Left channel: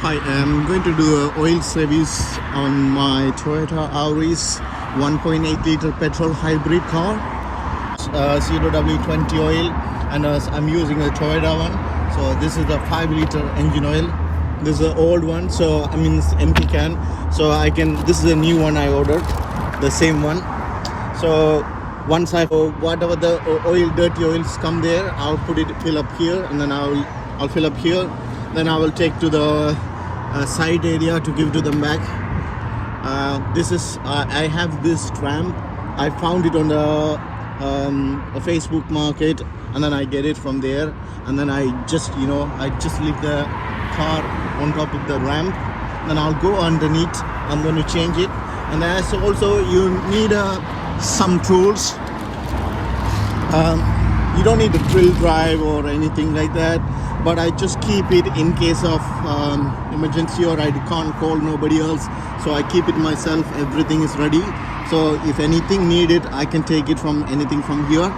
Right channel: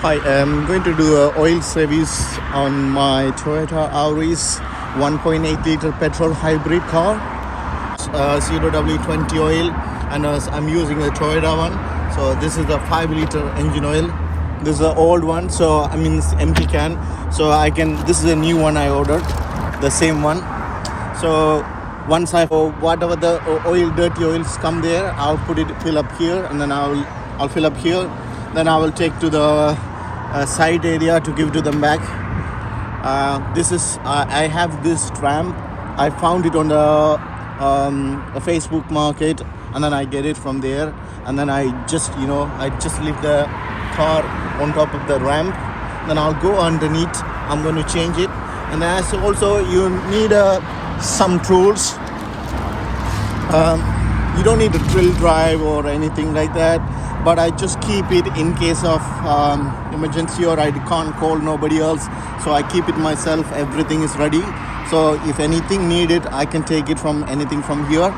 Hi, I'm going to do a oil service on my Toyota Auris 1.8 liter petrol hybrid car. 0W20 oil, and I'm using a Toyota one. So this is the 5 liter engine oil. This is the old one, so I mean it's empty can. So this is the new one I ordered, the same one. So once whatever the dirty oils come there, I'll fill up here, and then I'll fill up here. Then I will take to the side area to give to them back. I have this tram. I found it on the Facebook market, and then I get it from there, and then I just leave the car on top of the ramp. Then I'll go underneath. I'm going to change it, and then also you need some tools. You don't need a drill drive or anything like that, but I just keep it in case of emergency, or I can't call nobody else, so I keep it myself. Everything is ready, so if anything needed, I can take it from anything from here.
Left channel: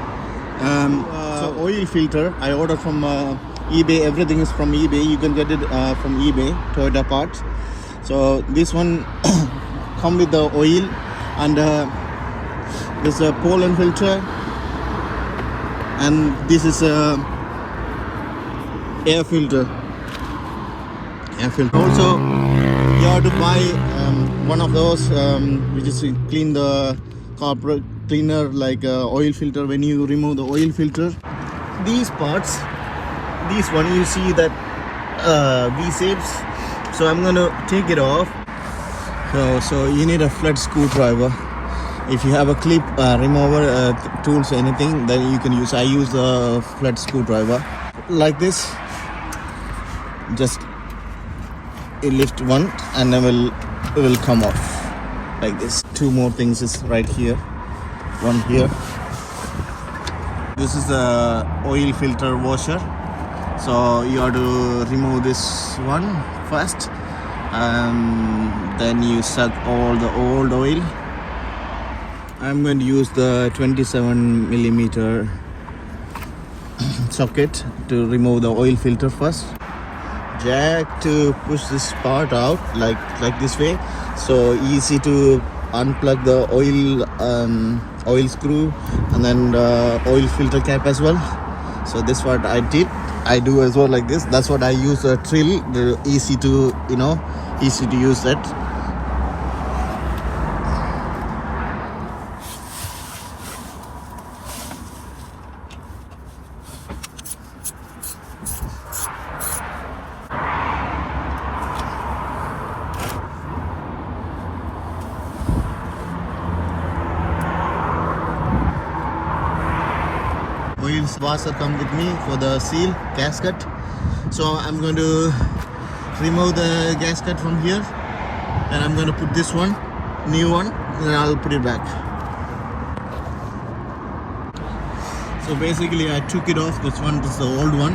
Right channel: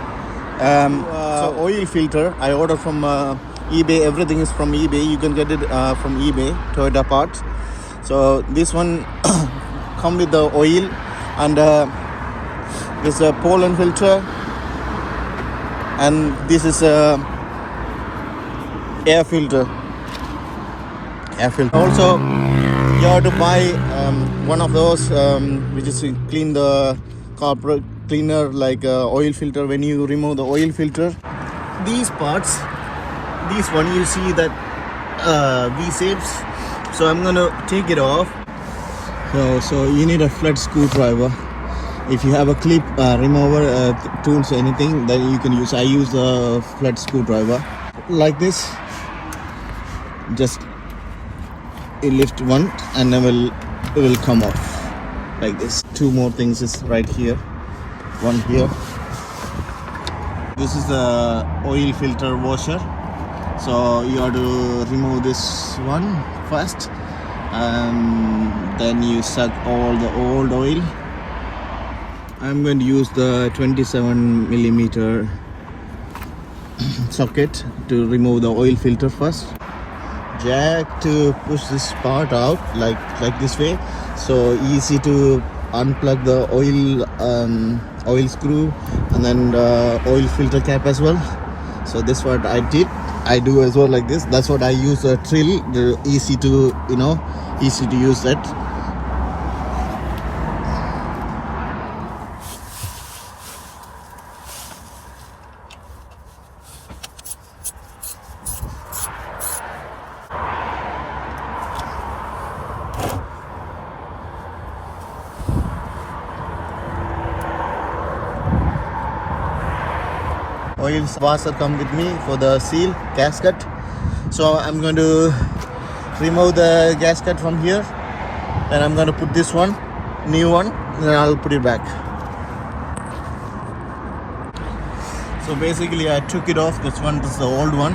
So oil filter I order from eBay. Everything is from eBay. You can get it from eBay, Toyota parts. So this one come with the oil, and there's a pollen filter, and this is a air filter. Also, you have to buy one of those which is clean the carburetor cleaner, like oil filter. When you remove the oil filter, these parts, this one you see that V-shapes. So I'm gonna take it off. So you need a flat screwdriver. If you have a clip remover tools, anything that you can use. I use a flat screwdriver like this. Just lift one, and then it will come off like this. Two more things is right here. One here. This is the oil filter washer. So you have to remove this one first. Then you suck all the old oil. I'm going to use the 27 millimeter socket to remove the oil filter first. Jack to push this part out like this way, so easy to unplug the oil screw, and then the oil filter cap as well. So this what I do as well, like this. That's what I use a drill, easy to use it. Oil washer come with me for the seal gasket. So I'm going to remove the gasket from here. Then I'm going to put this one, new one, and then I'll put it back. So basically I took it off. This is the old one.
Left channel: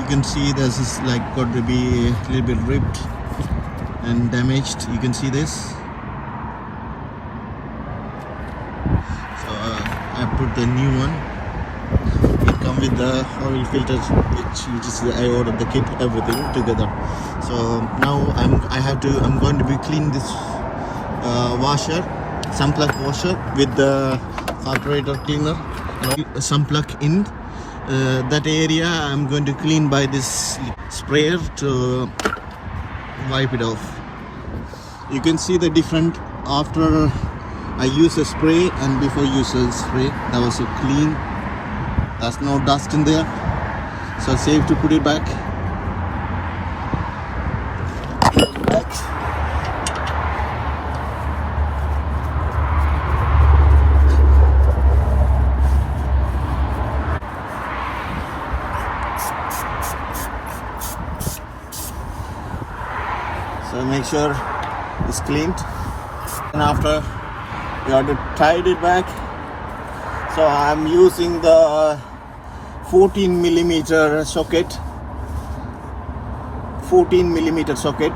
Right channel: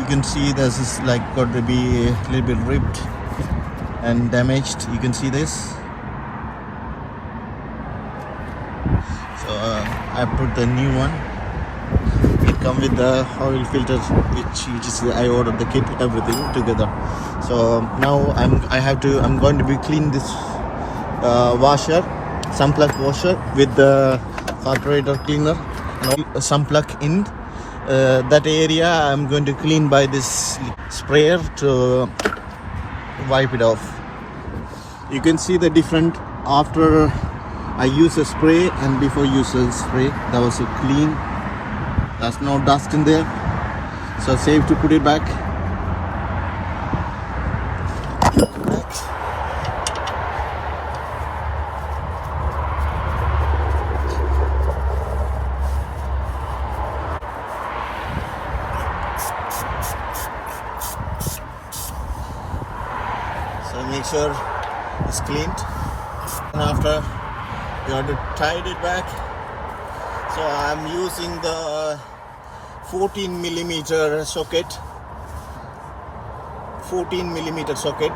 You can see this is like got to be a little bit ripped and damaged. You can see this. I put the new one. It comes with the oil filter, which is I ordered the kit, everything together. So now I'm going to be clean this washer, some plug washer with the carburetor cleaner. Some plug in that area. I'm going to clean by this sprayer to wipe it off. You can see the difference after I use a spray and before use a spray. That was so clean. There's no dust in there, so safe to put it back. So make sure it's cleaned, and after you have to tie it back. So I'm using the 14 millimeter socket. 14 millimeter socket.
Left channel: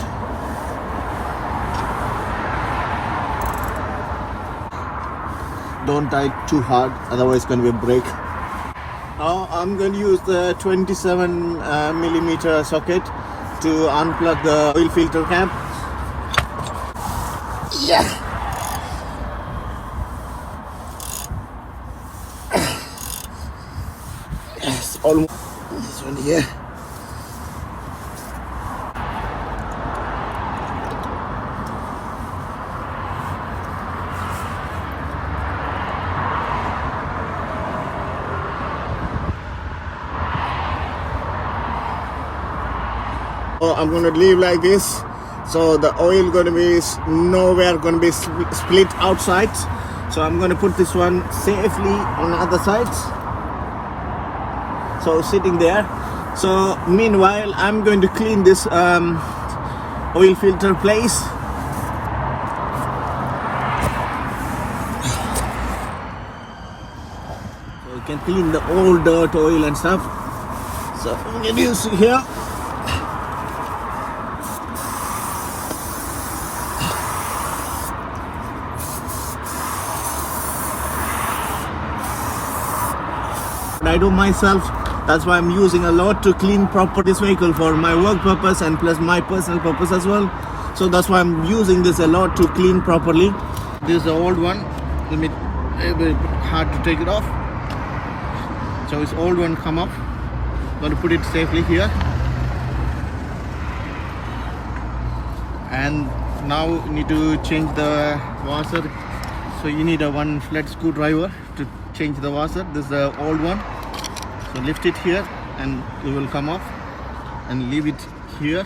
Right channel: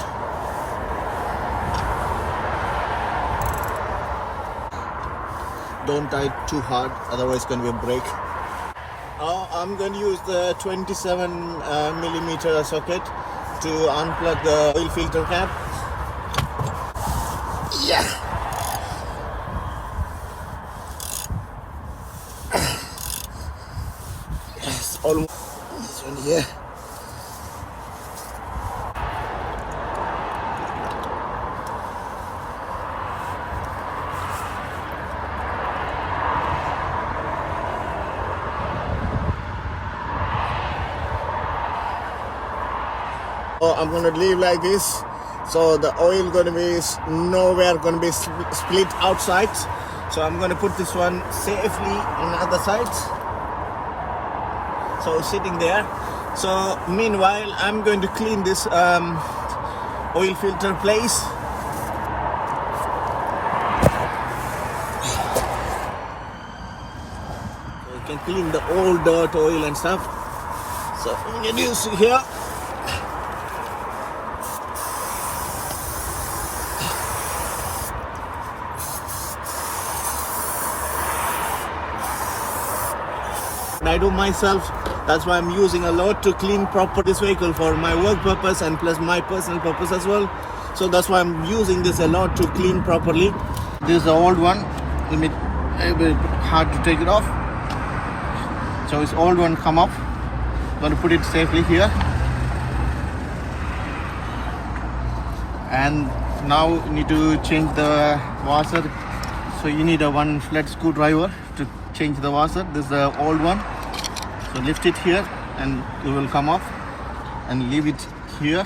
Don't tie it too hard, otherwise it's going to be a break. Now I'm going to use the 27 millimeter socket to unplug the oil filter cap. Yeah. Yes, almost. This one here. I'm going to leave like this, so the oil going to be nowhere going to be split outside. So I'm going to put this one safely on the other side, so sitting there. So meanwhile I'm going to clean this oil filter place. You can clean the old dirt, oil and stuff. So I'm going to use it here. I do myself, that's why I'm using a lot to clean proper this vehicle for my work purpose and plus my personal purpose as well. So that's why I'm using this a lot to clean properly. This is the old one, a bit hard to take it off. So this old one come off. Got to put it safely here. And now you need to change the washer. So you need a one flat screwdriver to change the washer. This is the old one. So lift it here and it will come off, and leave it here.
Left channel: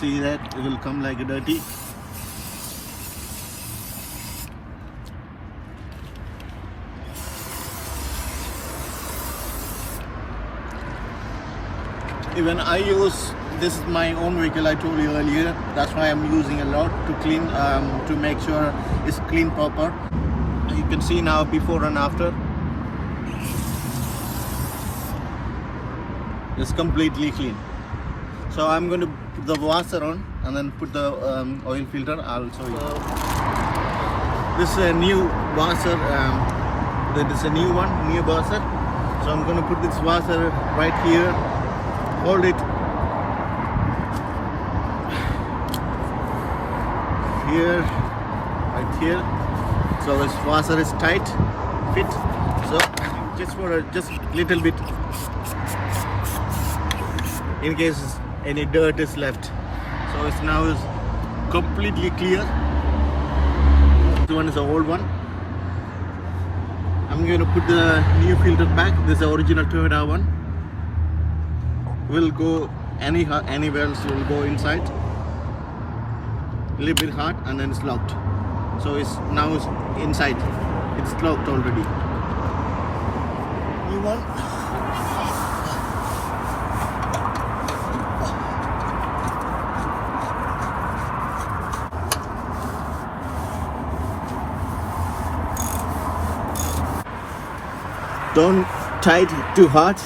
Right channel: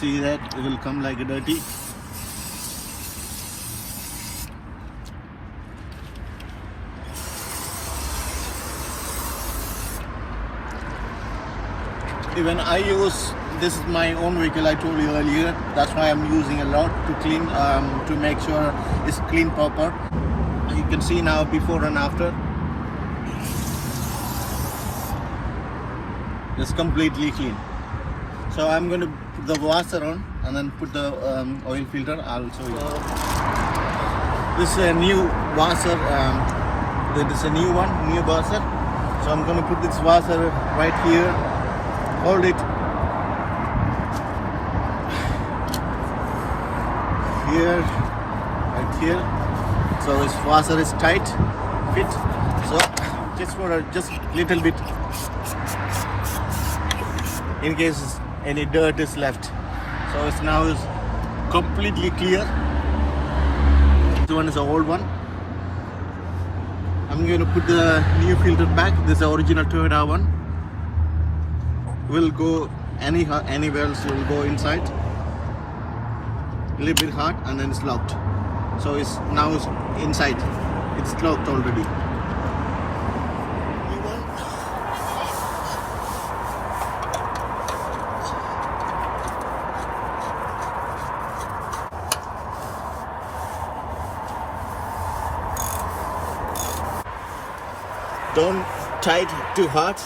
See that it will come like a dirty. Even I use, this is my own vehicle, I told you earlier. That's why I'm using a lot to clean, to make sure it's clean proper. You can see now before and after. It's completely clean. So I'm going to put the washer on and then put the oil filter. I'll show you. This is a new washer. This is a new one, new washer. So I'm going to put this washer right here. Hold it here, right here. So this washer is tight, fit. So just for a just little bit, in case any dirt is left. So it's now is completely clear. This one is the old one. I'm going to put the new filter back. This is the original Toyota one. Will go anywhere else, will go inside. A little bit hard and then it's locked. So it's now it's inside. It's locked already. New one. Don't tie it too hard.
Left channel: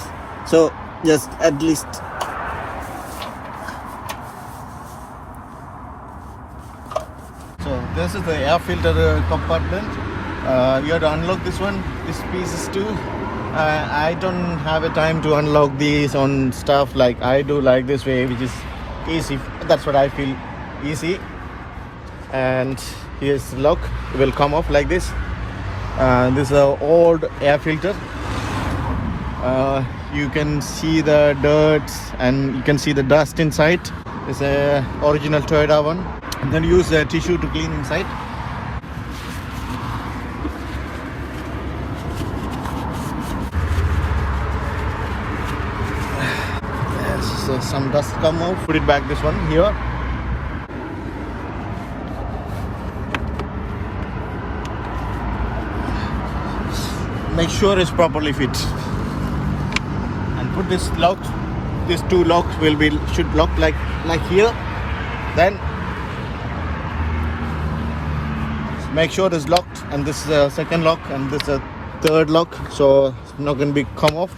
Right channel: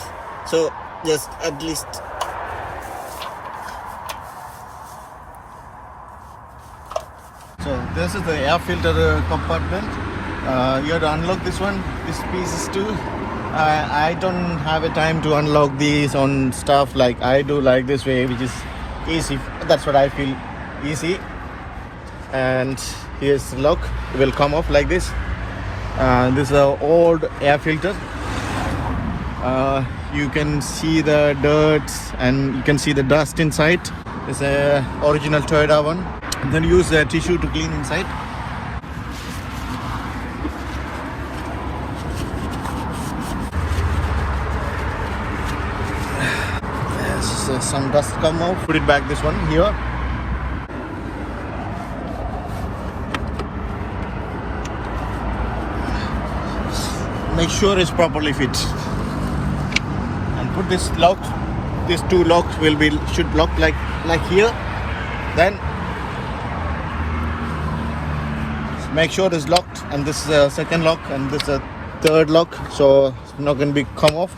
So just at least. So this is the air filter compartment. You have to unlock this one, this pieces too. I don't have a time to unlock these on stuff like I do, like this way, which is easy. That's what I feel easy. And here's the lock. It will come off like this. This is an old air filter. You can see the dirt and you can see the dust inside. It's a original Toyota one. Then use a tissue to clean inside. So some dust come out. Put it back this one here. Make sure it's properly fit. Put this locked. These two locks should lock like here. Then make sure it's locked, and this is a second lock, and this is a third lock, so it's not going to be come off.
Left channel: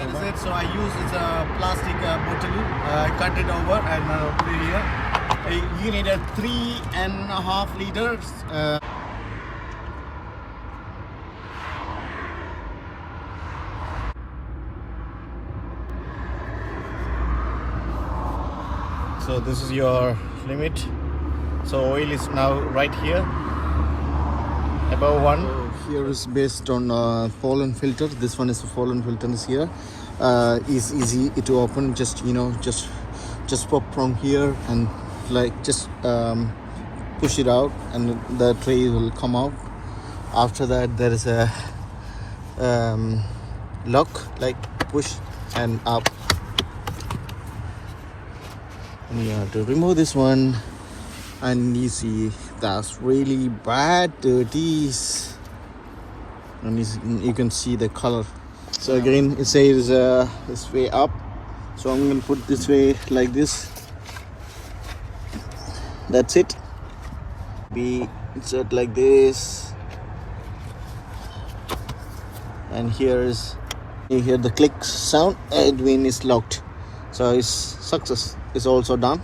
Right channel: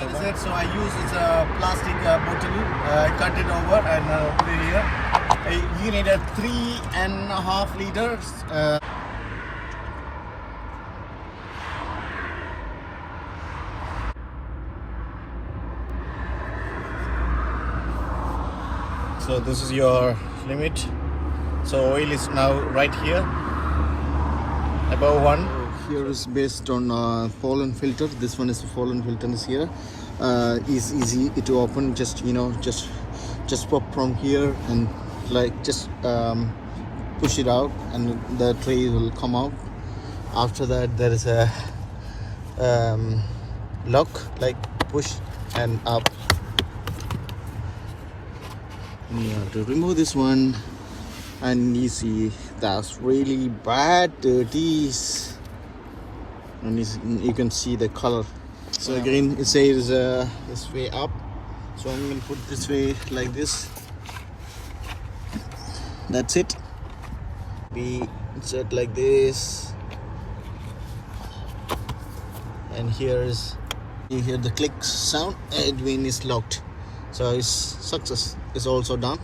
So I use this plastic bottle. I cut it over and put it here. You need a 3.5 liters. So this is your limit. So oil is now right here, above one. Here is based on pollen filter. This one is the pollen filter is here. Is easy to open. Just just pop from here and like just push it out, and the tray will come out. After that, there is a lock, like push and up. You have to remove this one, and you see that's really bad dirties, and you can see the color. So again, it says this way up, so I'm going to put this way like this. That's it. Be insert like this, and here you hear the click sound. Edwin is locked, so it's success is also done.